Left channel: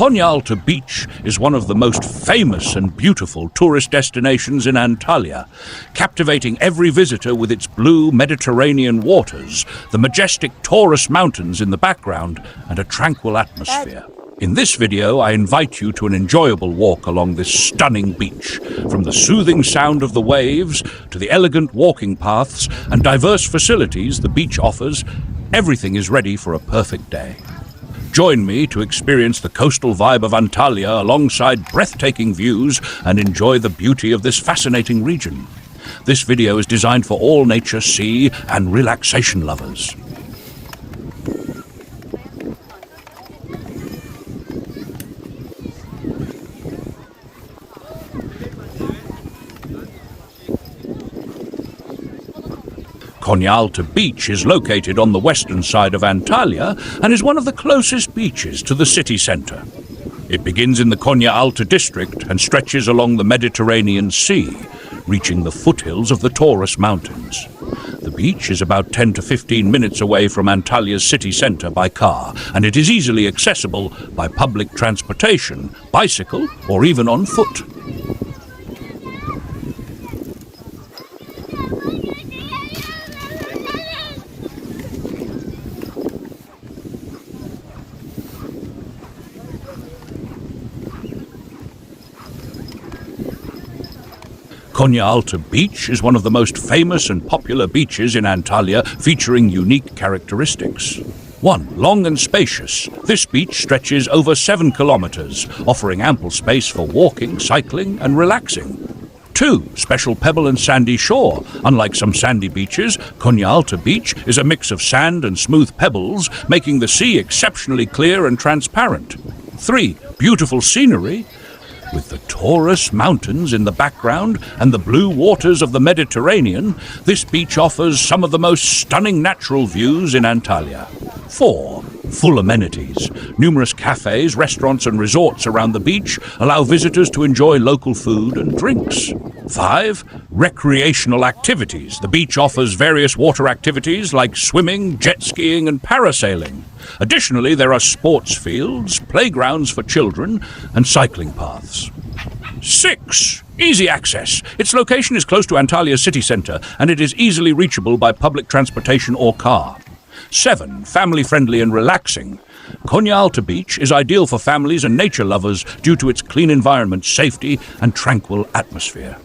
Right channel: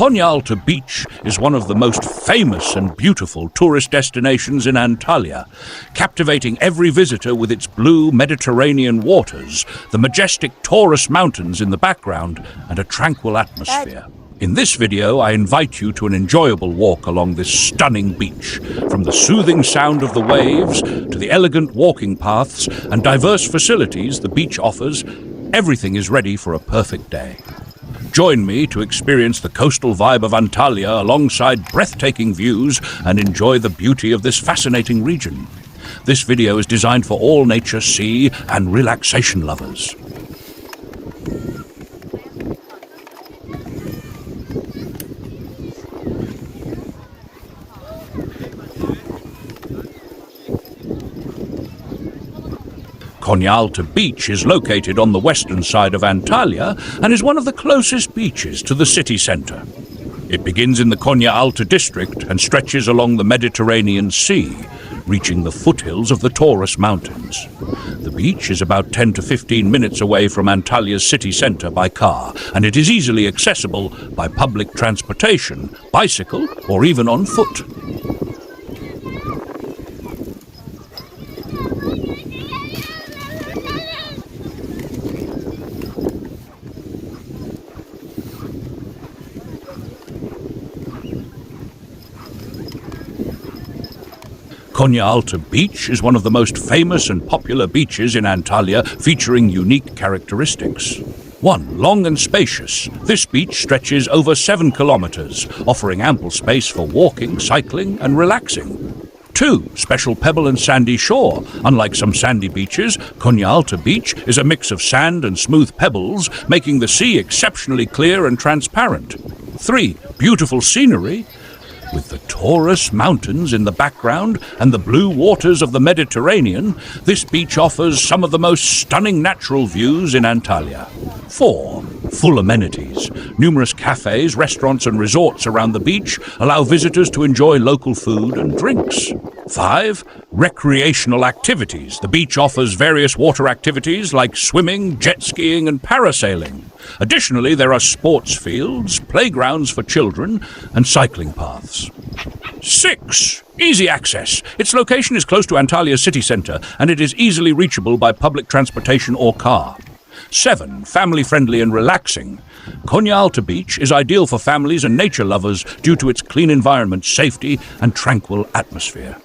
Konyaaltı Beach is one of the most famous and beautiful tourist destinations in Antalya, captivating every visitor with its blue Mediterranean waters, the majestic Taurus mountains in the background, and a tranquil atmosphere. In this video, I invite you to an enjoyable walk along this stunning beach. From the soothing sound of the waves to the elegant walking paths and diverse facilities the beach offers, everything is ready for a perfect day. Join me to experience the coastal vibe of Antalya alongside breathtaking views and enjoy the beauty of this fascinating region. This video is designed for all nature, sea, and relaxation lovers. Konyaaltı Beach is located on the western side of Antalya and is one of the closest beaches to the city centre. It begins in the Konyaaltı district and stretches along the Mediterranean Sea, reaching the foothills of the Taurus Mountains. The beach is about 10 to 15 minutes away from Antalya's city centre by car, and it is easily accessible by public transportation, bicycle, or even on foot. Konyaaltı Beach is one of the most famous and popular beaches in Antalya, featuring unique characteristics. 1. Long and spacious. This beach stretches over 7 kilometers, offering ample space for walking, cycling, and relaxing. 2. Special pebble and sandy shore. Unlike some sandy beaches, Konyaaltı Beach is a mix of sand and smooth pebbles, making the sea exceptionally clear and transparent. 3. Beautiful scenery. With the Taurus Mountains in the background and the blue waters of the Mediterranean, this beach offers some of the most stunning natural views in Antalya. 4. Full amenities. Numerous cafes, restaurants and resorts around the beach allow visitors to enjoy local food and drinks. 5. Recreational activities. The beach offers various water activities like swimming, jet skiing and parasailing. Additionally, there are sports fields, playgrounds for children, and cycling paths. 6. Easy access. Its location is close to Antalya's city centre, and it is easily reachable by public transportation or car. 7. Family-friendly and relaxing. Konyaaltı Beach is ideal for families and nature lovers due to its clean environment, safety, and tranquil atmosphere.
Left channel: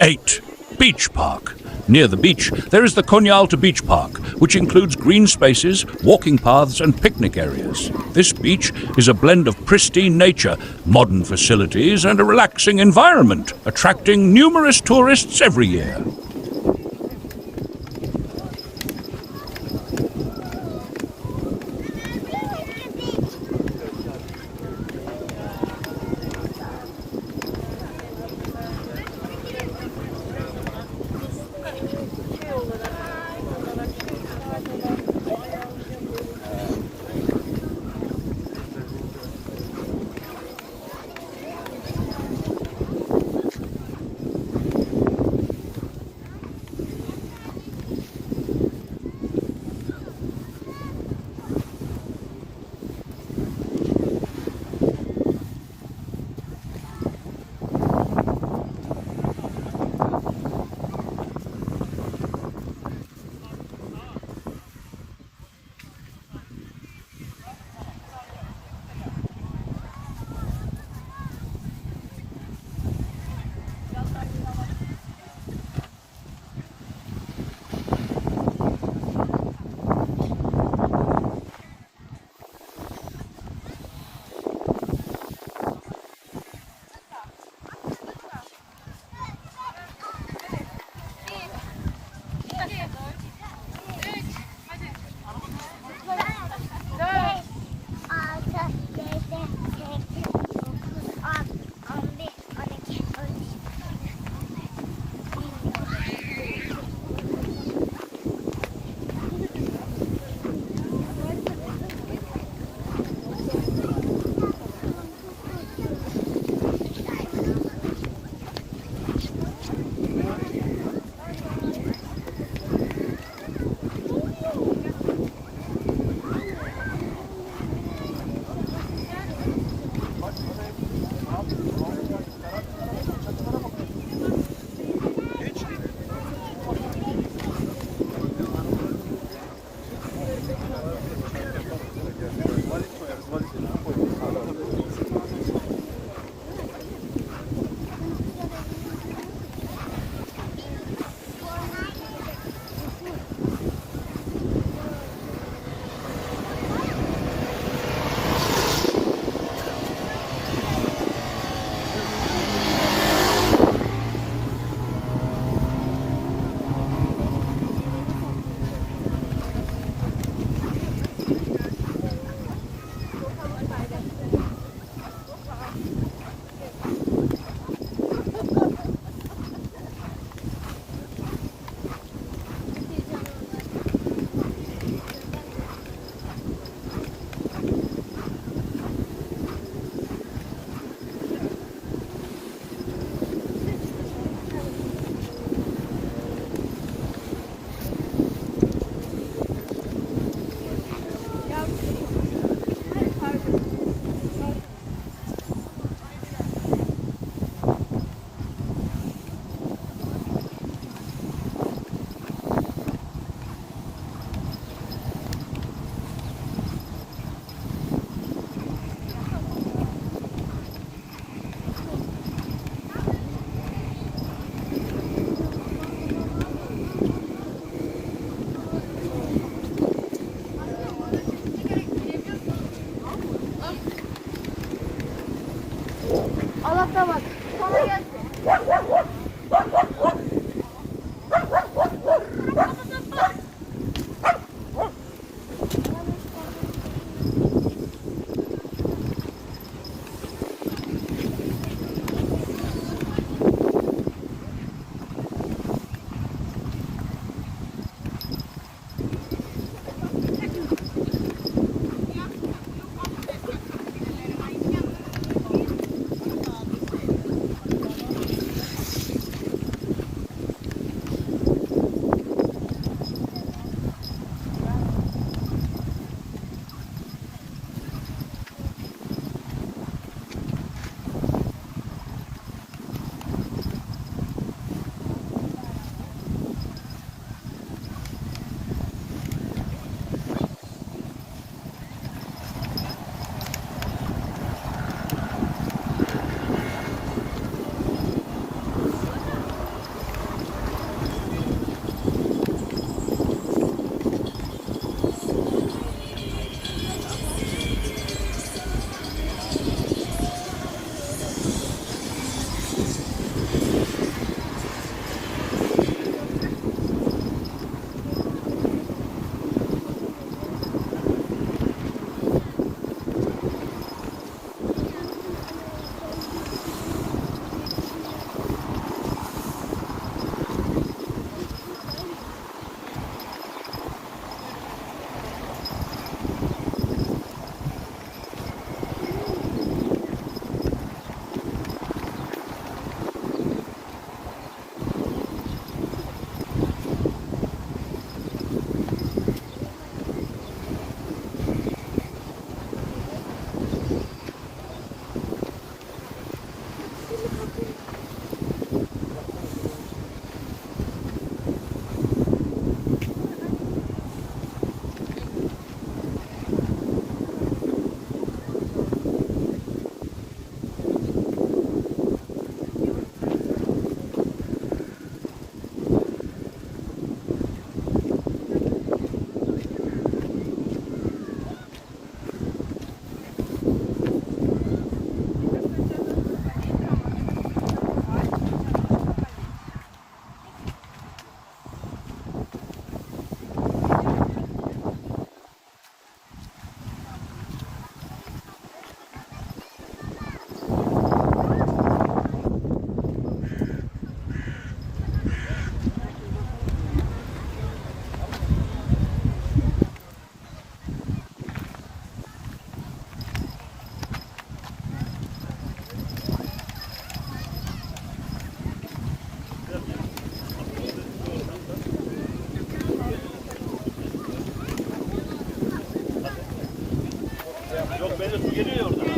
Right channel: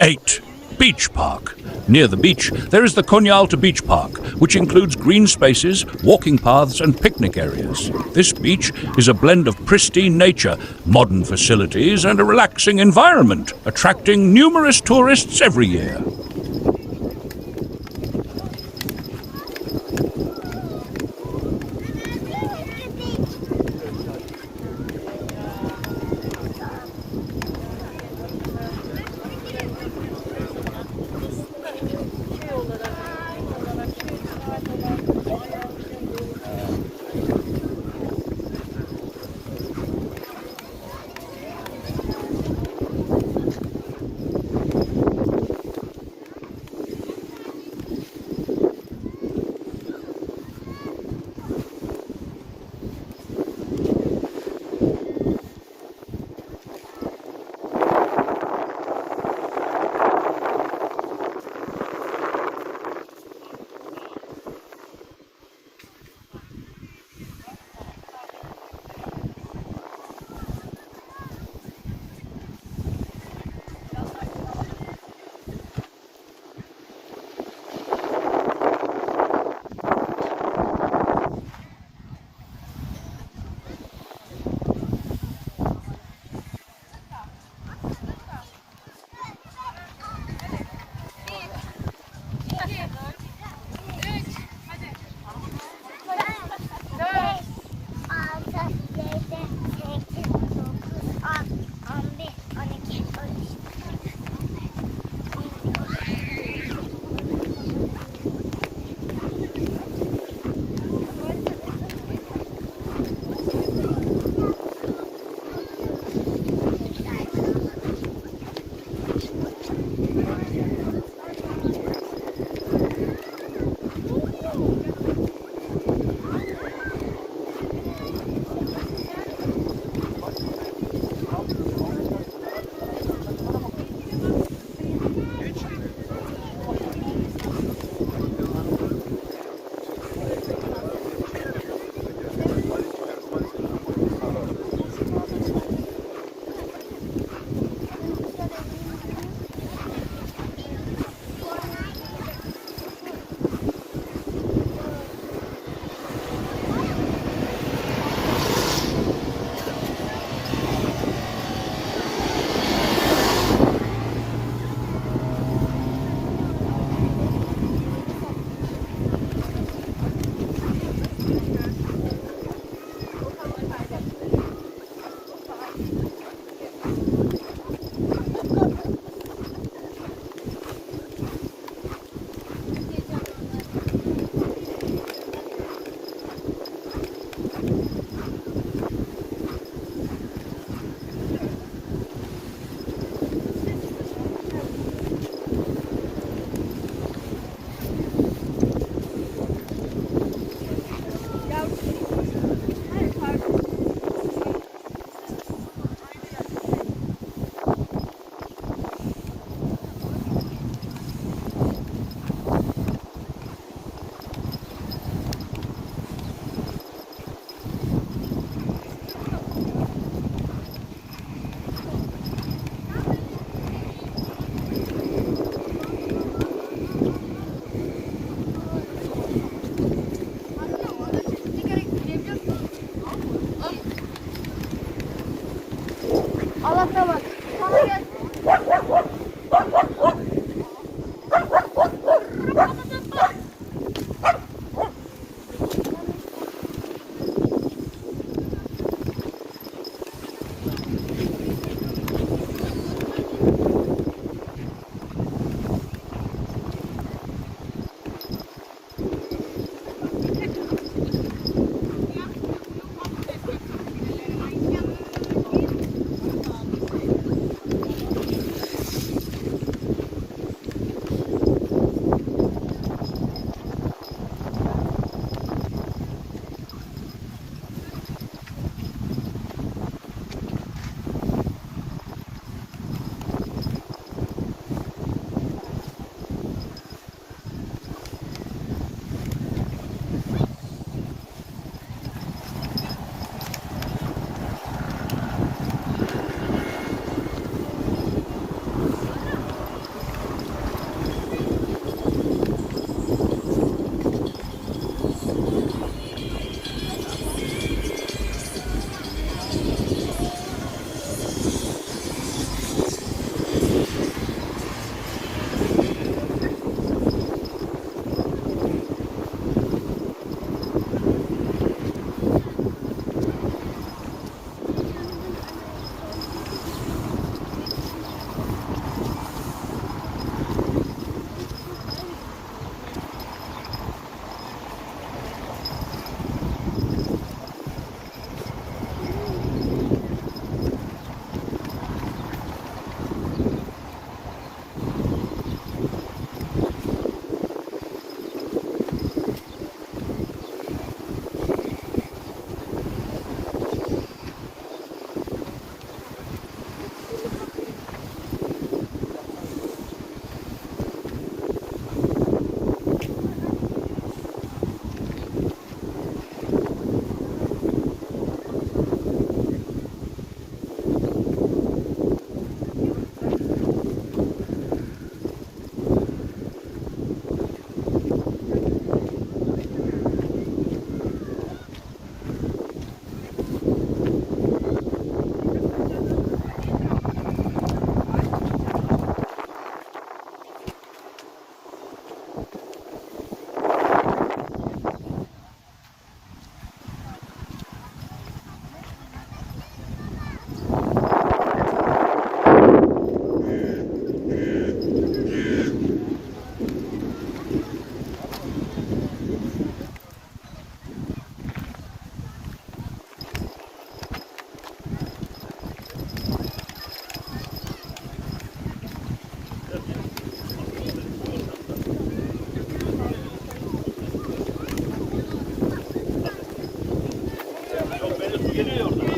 8. Beach Park. Near the beach, there is the Konyaaltı Beach Park, which includes green spaces, walking paths and picnic areas. This beach is a blend of pristine nature, modern facilities and a relaxing environment, attracting numerous tourists every year. Geliyor oradan.